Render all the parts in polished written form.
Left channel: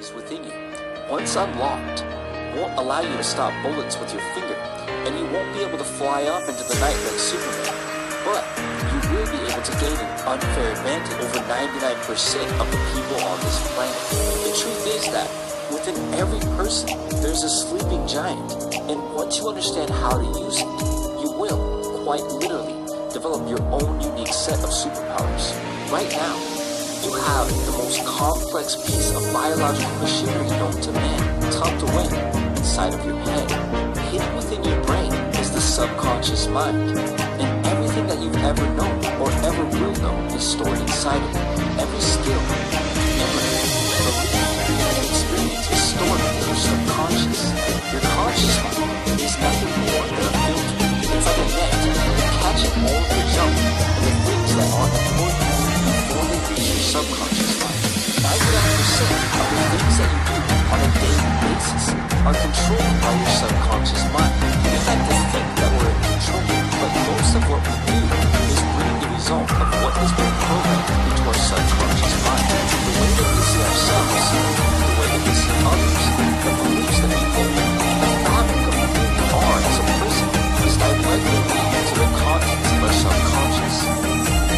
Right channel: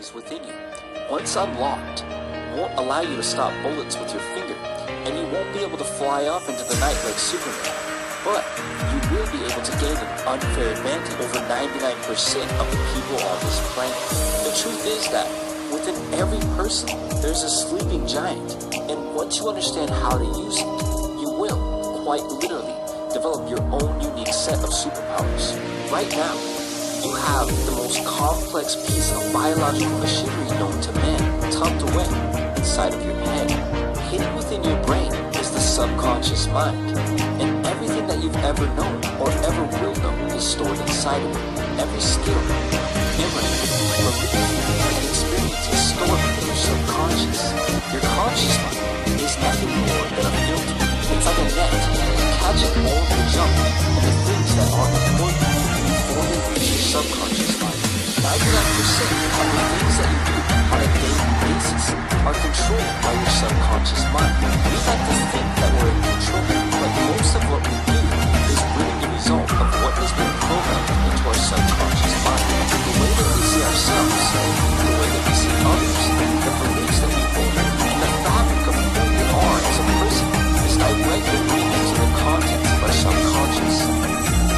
abilities within you. Once unlocked, won't allow you to stop bullets with your finger, and you won't be able to fly off into the night like Superman. But you will be able to gain an unfair advantage over 99% of the people on this planet. The truth is that within every person, there's a sleeping giant, and once you understand how to use it, you will, quite literally, develop your own unique set of superpowers. Right now, you have the most complex piece of biological machinery known to man tucked away inside of your head. Hidden within your brain is the subconscious mind, and everything that you've ever known or ever will know is stored inside of it. Every skill, memory, belief, and experience is stored within your subconscious. Your conscious mind is nothing more than a filter. It's like a net, catching all of the junk and the things that aren't important before they reach your subconscious mind. 99% of the things that you do on a daily basis are controlled by your subconscious mind. We like to think that we're in control, but most of what we do is really the result of what has been programmed into our subconscious mind. The way that we see ourselves, the way that we see others, the beliefs that we hold, and the fabric of who we are as a person is directly linked to the contents of our subconscious.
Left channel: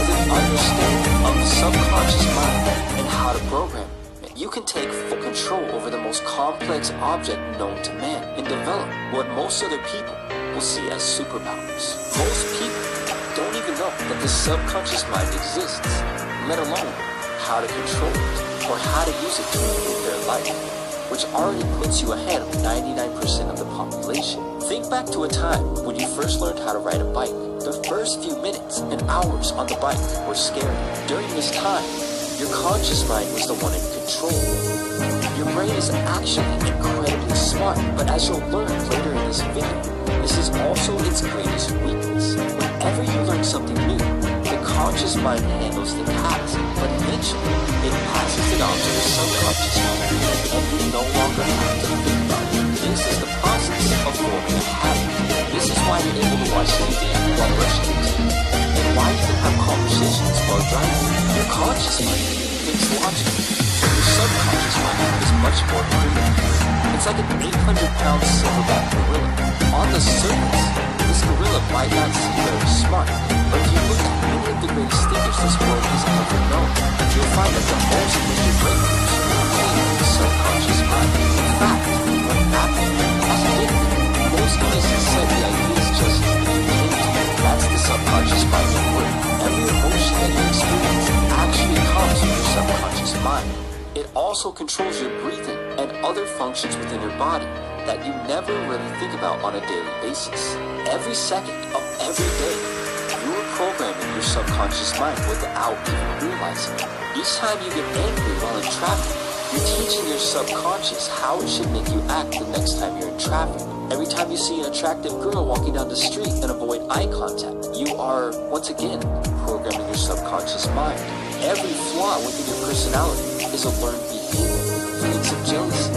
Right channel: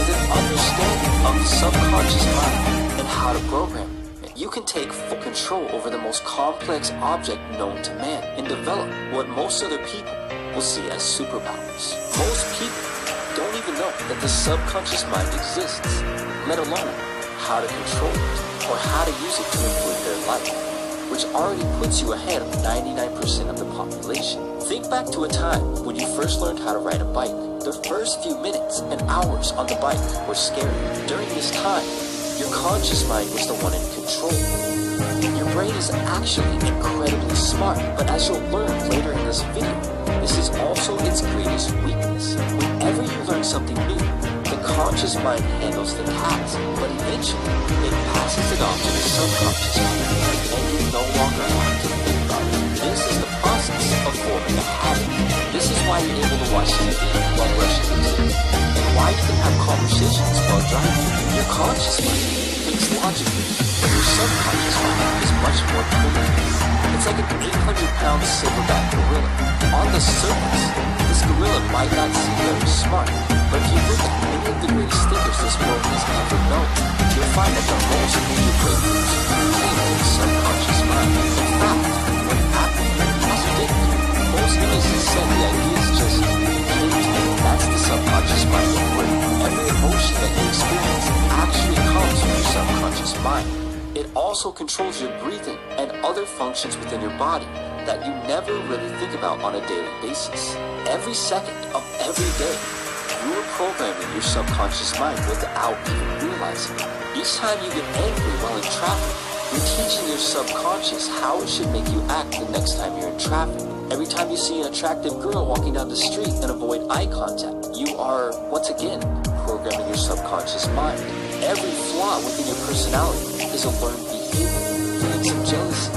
With an understanding of the subconscious mind and how to program it, you can take full control over the most complex object known to man and develop what most other people will see as superpowers. Most people don't even know that the subconscious mind exists, let alone how to control it or how to use it to improve their life, which already puts you ahead of 99% of the population. Think back to a time when you first learned how to ride a bike. The first few minutes and hours on the bike were scary. During this time, your conscious mind was the one in control. Your brain is actually incredibly smart, but as you'll learn later in this video, this is also its greatest weakness. Whenever you learn something new, the conscious mind handles the task, but eventually it passes it on to the subconscious mind, and you no longer have to think about it. This is the process of forming a habit. This is why you're able to watch TV while brushing your teeth, and why you can have conversations while driving. Your conscious mind thinks logically, but your subconscious mind is much more primitive. It's like an 800-pound silverback gorilla. On the surface, this gorilla might not seem very smart, but if you look at many of the greatest thinkers this world has ever known, you'll find that the most major breakthroughs came from the subconscious mind. In fact, when Apple as a did, most geniuses said the ideas just came to them. That's the subconscious mind at work. Every emotion that you experience actually comes from your subconscious mind. It also controls your breathing and other functions within your body that you never really think about on a daily basis. Every second of every day, you are programming your subconscious mind without even realizing it. Each time you get angry while in traffic, you're teaching your subconscious how it should make you act the next time you're in traffic. Every time you see an attractive girl walking down the street and avoid eye contact, you are, once again, programming your subconscious mind. Every flaw within your personality is a learned behavior. Feelings of jealousy,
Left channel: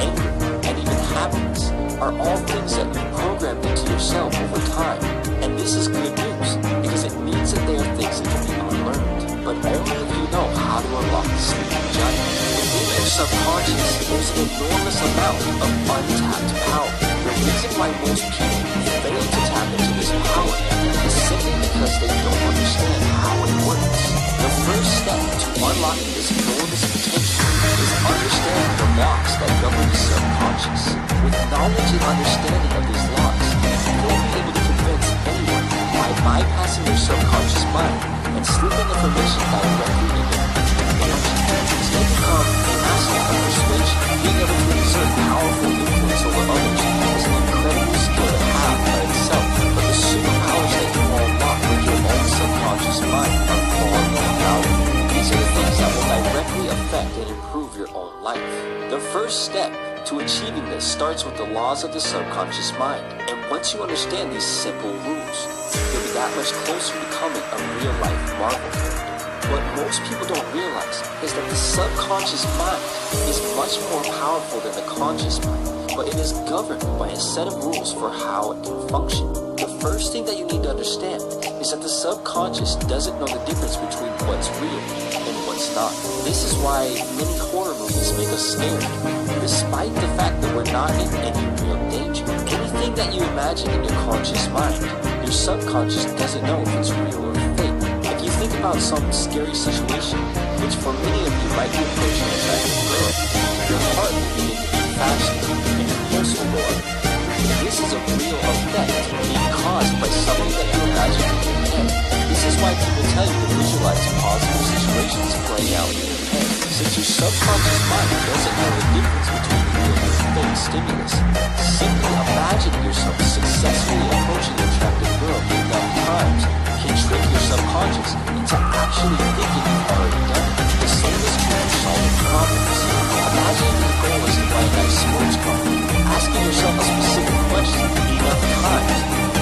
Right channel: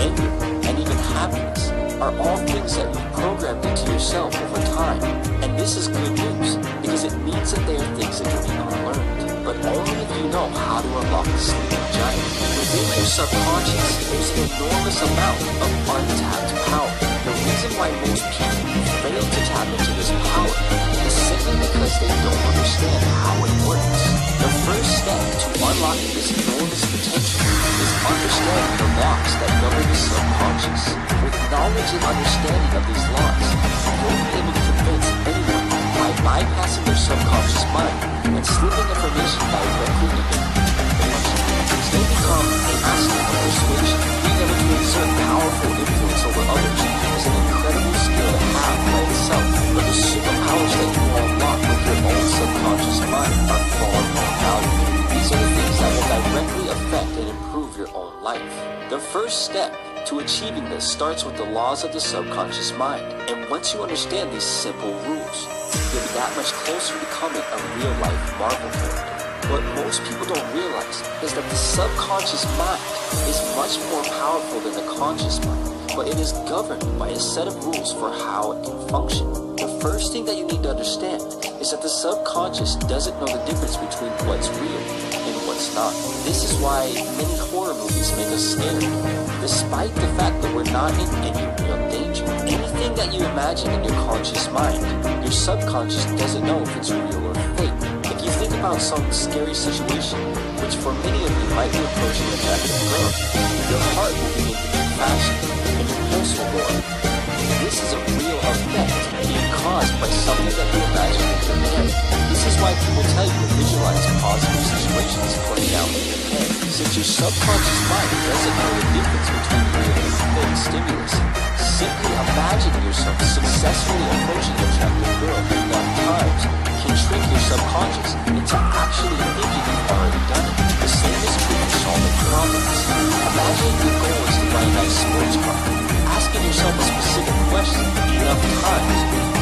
anger, and even happiness are all things that you programmed into yourself over time. And this is good news, because it means that they are things that can be unlearned, but only if you know how to unlock the sleeping giant. Within your subconscious, there's an enormous amount of untapped power. The reason why most people fail to tap into this power is simply because they don't understand how it works. The first step to unlocking this enormous potential is understanding the laws that govern the subconscious. With knowledge and understanding of these laws, you'll be able to convince anyone by bypassing their subconscious mind and slipping information directly into their conscious. You'll become a master of persuasion. Being able to exert powerful influence over others is an incredible skill to have by itself, but the superpowers that you will unlock with your own subconscious mind are far more valuable. These are the things that will directly affect and improve your own life. The first step to achieving this starts with the laws of the subconscious mind, and once you understand these simple rules, you'll be that much closer to becoming a real-life Marvel character. What most people don't realize is that the subconscious mind is much more powerful than the conscious mind, but it is governed by a set of rules for how it can function. The first thing that you need to understand is that the subconscious doesn't know the difference between what's real and what's not. This is why many horror movies make us scared, despite the fact that we're not in any real danger. Anything that you imagine in your conscious mind, your subconscious doesn't know if it's real or fake. If you think about some scary situation, which for many of you might be approaching an attractive girl, your heart will begin to beat faster and your pulse will go up. This is a real effect being caused by something that you imagine in your head. This is why people tell you to visualize positive situations playing out in your head. Since your subconscious mind doesn't know the difference between real and fake stimulus, simply imagining yourself successfully approaching an attractive girl enough times can trick your subconscious into actually thinking you've already done it. The same is true for solving problems. Imagine your goal is to buy a nice sports car. Asking yourself a specific question enough times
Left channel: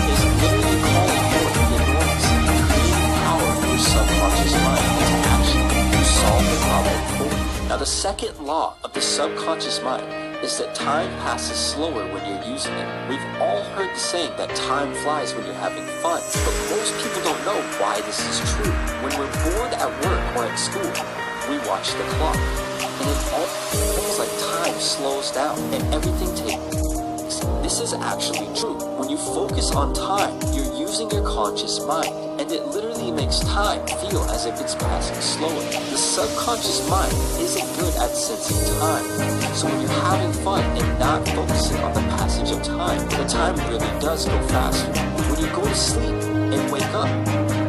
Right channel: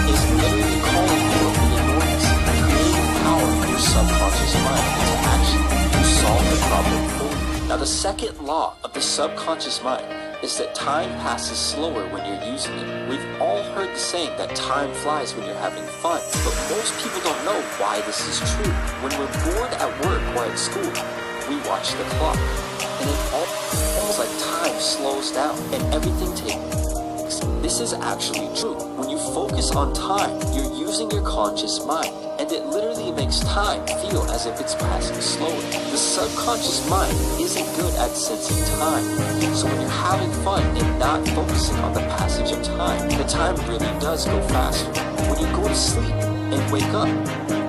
is literally calling forth the enormous creative power of your subconscious mind into action to solve the problem for you. Now, the second law of the subconscious mind is that time passes slower when you're using it. We've all heard the saying that time flies when you're having fun, but most people don't know why this is true. When we're bored at work or at school, we watch the clock, and it almost like time slows down and everything takes. This is actually true. When you focus on time, you're using your conscious mind, and it literally makes time feel as if it's passing slower. The subconscious mind isn't good at sensing time, so when you're having fun and not focusing on the passage of time, the time really does go faster. When you go to sleep and wake up,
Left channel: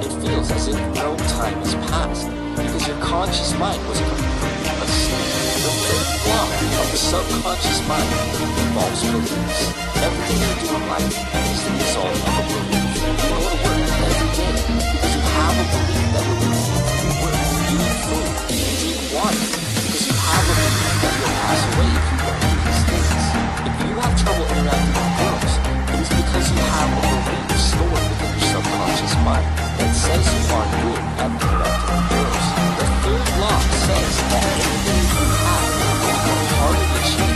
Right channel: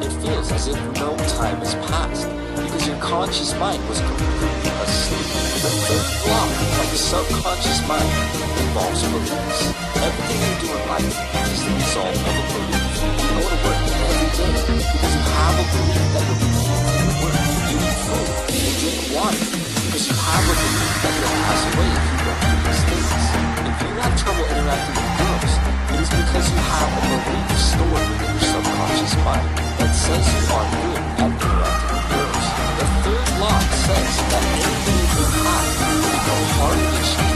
it feels as if no time has passed, because your conscious mind was completely asleep. The third law of the subconscious mind involves beliefs. Everything you do in life is the result of a belief. You go to work every day because you have a belief that you'll be paid for your work. You eat food and drink water because you have a belief that you'll pass away if you don't do these things. If you have trouble interacting with girls, it is because you have a belief stored within your subconscious mind that says you aren't good at interacting with girls. The third law says that any belief you have will become harder to change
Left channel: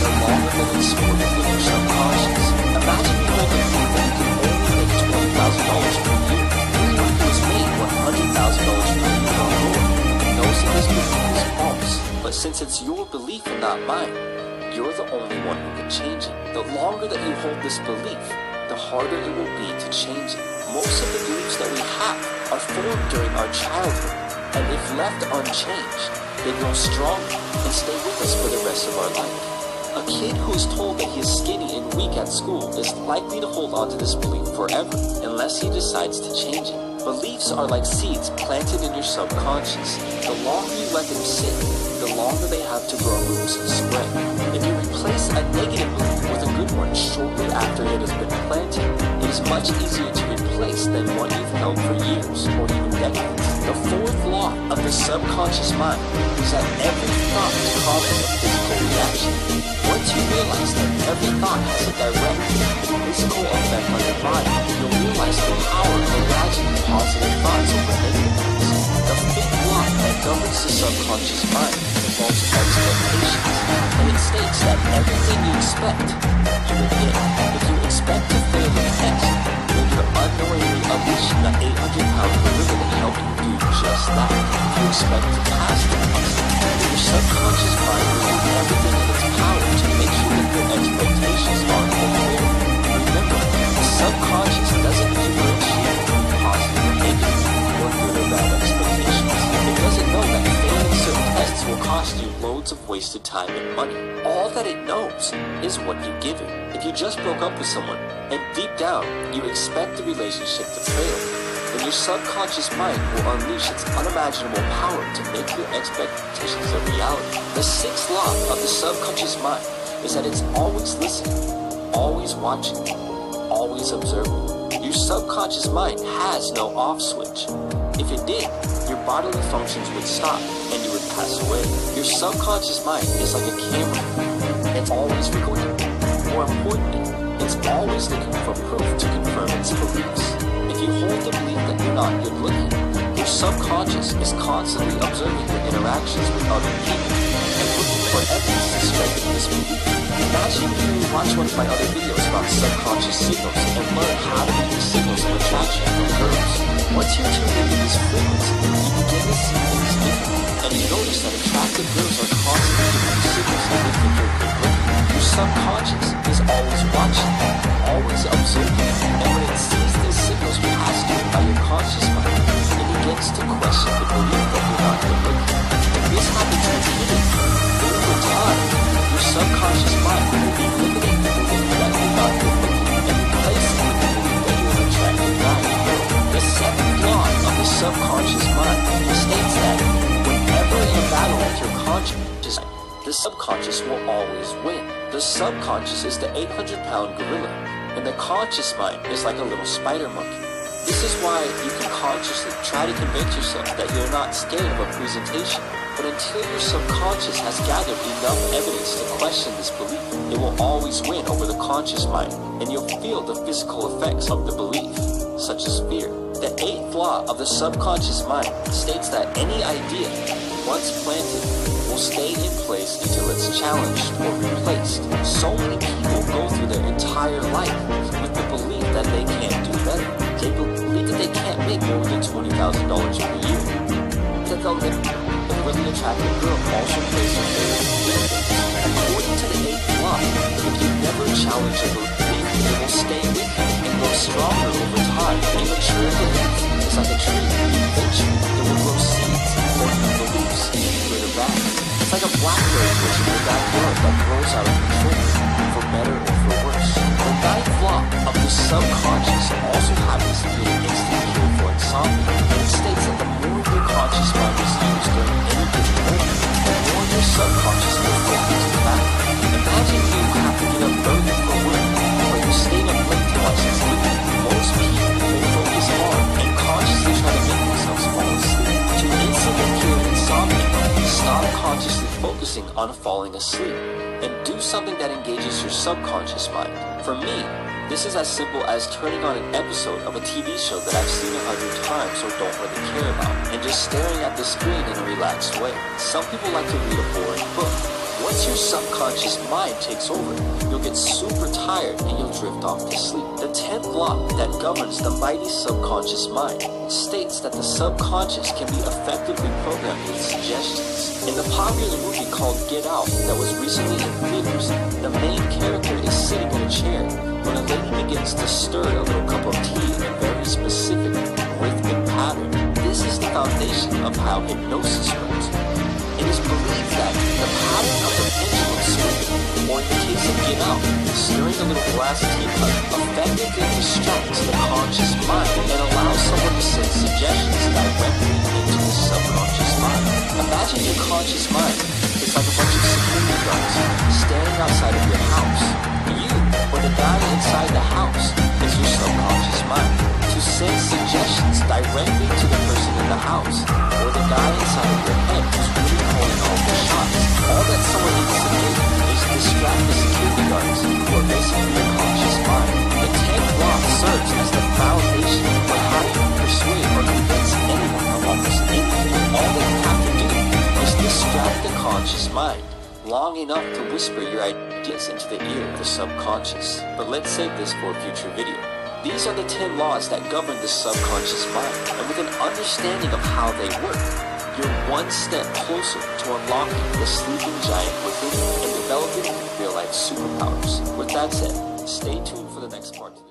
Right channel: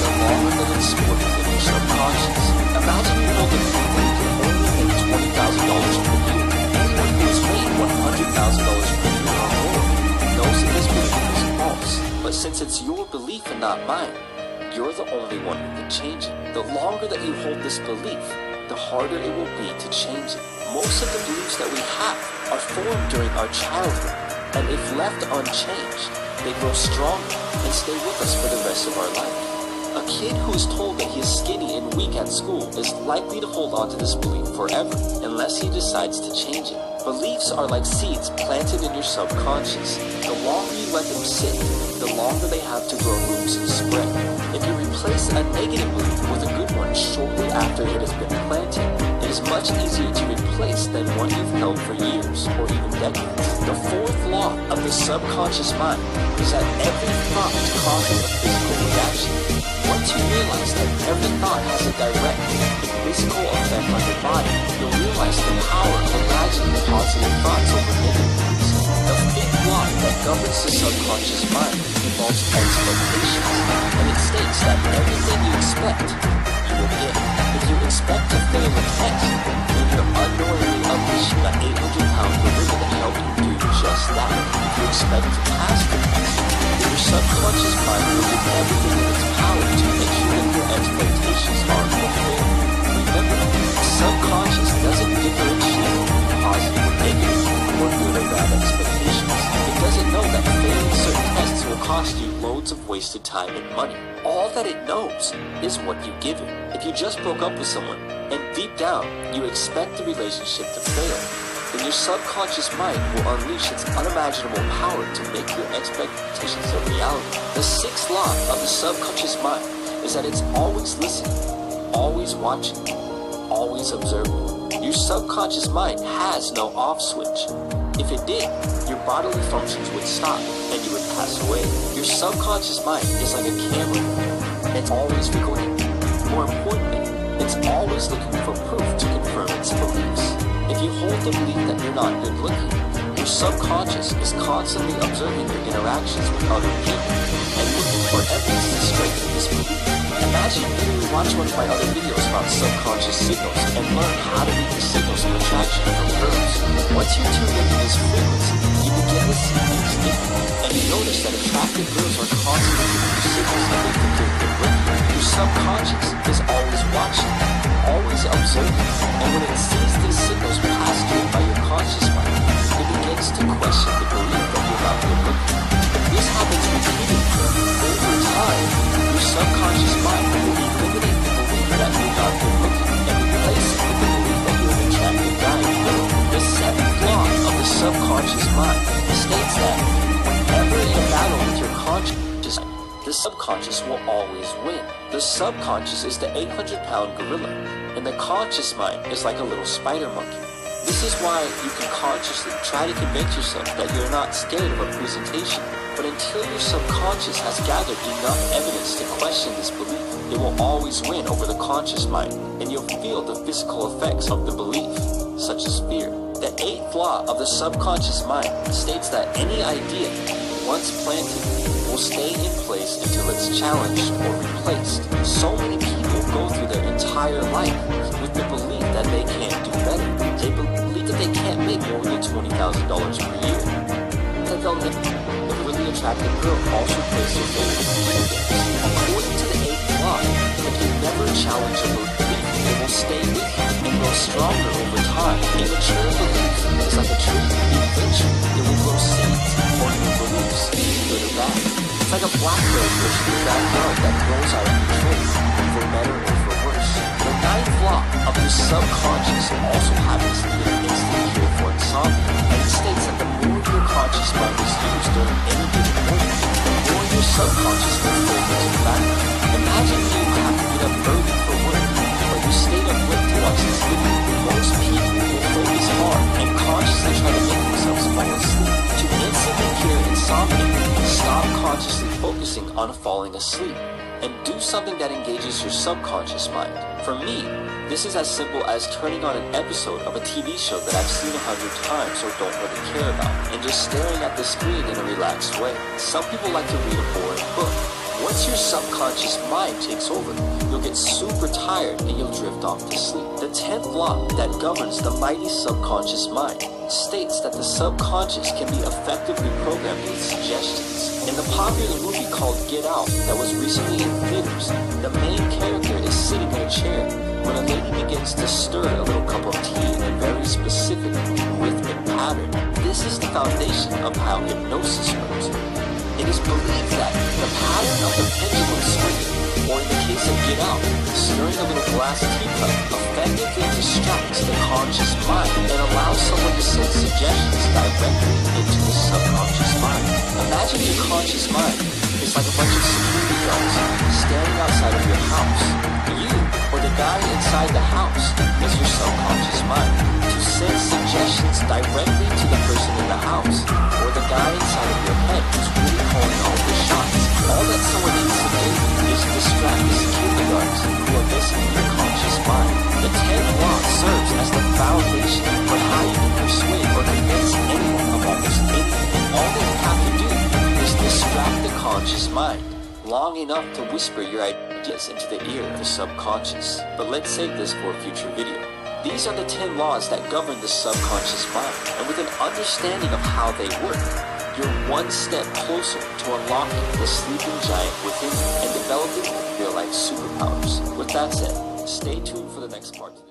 the longer that it's stored within your subconscious. Imagine you hold the belief that you can only make $20,000 per year. Anyone who has made $100,000 per year or more knows that this belief is false. But since it's your belief and not mine, you're the only one who can change it. The longer that you hold this belief, the harder it will be to change it. Most of the beliefs that we have are formed during our childhood, and if left unchanged, they grow stronger and stay with us for the rest of our life. A kid who is told that he is skinny and weak at school is likely to hold on to this belief forever unless he decides to change it. Beliefs are like seeds planted in your subconscious. The longer you let them sit, the longer they have to grow roots and spread. If you replace a negative belief with a good one shortly after it has been planted, it is much easier to replace than one you've held for years or even decades. The fourth law of the subconscious mind is that every thought causes a physical reaction. Once you realize that every thought has a direct and physical effect on your body, you'll realize the power of imagining positive thoughts over negative ones. The fifth law that governs the subconscious mind involves expectations, and it states that everything you expect, you will get. If you expect to fail a test, then you're unknowingly unleashing an 800-pound gorilla to help you do just that. If you expect to pass the test, then your subconscious mind will do everything in its power to make sure that your expectations are fulfilled. Remember, the subconscious doesn't differentiate between positive or negative, or good or bad expectations. It doesn't know that failing certain tests will cost you loads of wasted time and money. All that it knows is what you give it. If you just broke up with someone, and deep down you expect the relationship to fail, then your subconscious mind will unleash its unimaginable power to make your expectations a reality. The sixth law of the subconscious mind is that it's always listening, always watching, always observing. Your subconscious mind has no off switch. If it did, your bodily functions would stop and you would pass away. Your subconscious mind is like a camera. It's always recording. More importantly, it's always looking for proof to confirm its beliefs. If you hold the belief that you're not good looking, your subconscious is constantly observing your interactions with other people and looking for evidence to strengthen this belief. Imagine you watch one of my other videos about subconscious signals and learn how to read the signals of attraction from girls. Once you're tuned into this frequency, you begin to see things differently, and you notice that attractive girls are constantly giving you signals that they think you're good looking. Your subconscious is always watching, always observing, and when it sees these signals passed to it by your conscious mind, it begins to question the belief that you're not good looking. If this happens repeatedly, over time, your subconscious mind will eliminate the belief that you're not good looking and replace it with the belief that you're an attractive guy or girl. The seventh law of the subconscious mind states that whenever in a battle with your conscious mind, the subconscious will always win. The subconscious is the 800-pound gorilla, and the conscious mind is like a little spider monkey. This is why you can consciously try to convince yourself that you're not scared of a presentation. But until your subconscious has gathered enough evidence to question this belief, it will always win over the conscious mind, and you'll feel the physical effects of the belief, such as fear. The eighth law of the subconscious mind states that any idea, once planted, will stay in place until it's challenged or replaced. So many people go through their entire life with the belief that they can't do better. They believe that they can't make more than $20,000 per year, that they'll never. A really attractive girl also plays her favorite video games. According to the eighth law, if you never challenge a belief, it will stay with you and grow stronger over time. A mature belief is like a tree. Eventually, it will grow seeds or new beliefs, good or bad. It's like a blackberry bush in your backyard that grows out of control, for better or for worse. The ninth law of the subconscious also happens to be an instant cure for insomnia, and it states that the more your conscious mind is used during any given moment, the more your subconscious will fade into the background. Imagine you have to get up early for work, or you stayed up late to watch this video. Most people will focus hard and consciously try to make themselves fall asleep. To instantly cure insomnia, stop consciously focusing on falling asleep and do something that engages your subconscious mind. For me, this is as simple as turning on an episode of a TV show that I've seen 100 times or don't really care about, and just staring at the screen in a relaxed way. Some people like to read a boring book. Once your subconscious mind takes over, you'll get super tired and you'll drift off to sleep. The 10th law that governs the mighty subconscious mind states that the subconscious can be effectively programmed with suggestions. In the popular movie called Get Out that was recently in theaters, the main character is sitting in a chair when a lady begins to stir a little cup of tea in a very specific rhythmic pattern. This is the foundation of how hypnosis works. It is believed that the pattern of the pendulum swinging, or in the case of Get Out, stirring a little glass teacup, effectively distracts the conscious mind and allows someone to send suggestions directly into the subconscious mind. Imagine your conscious mind is like a bunch of security guards standing outside of your house. You, or the guy inside the house, is your subconscious mind to send suggestions directly to the person in the house, or the guy inside of your head who's really calling all the shots. All that someone needs to do is distract the security guards, who are basically your conscious mind. The 10th law serves as the foundation for how you can persuade or convince anyone of almost anything. All that you have to do is distract the conscious mind long enough to whisper your ideas into the ear of the subconscious. But let's save this for a future video. These are the 10 laws that govern the subconscious mind, and with an understanding of how they work, you're one step closer to unlocking the sleeping giant within you and developing real-life superpowers. With that said, stay tuned for the next part to this.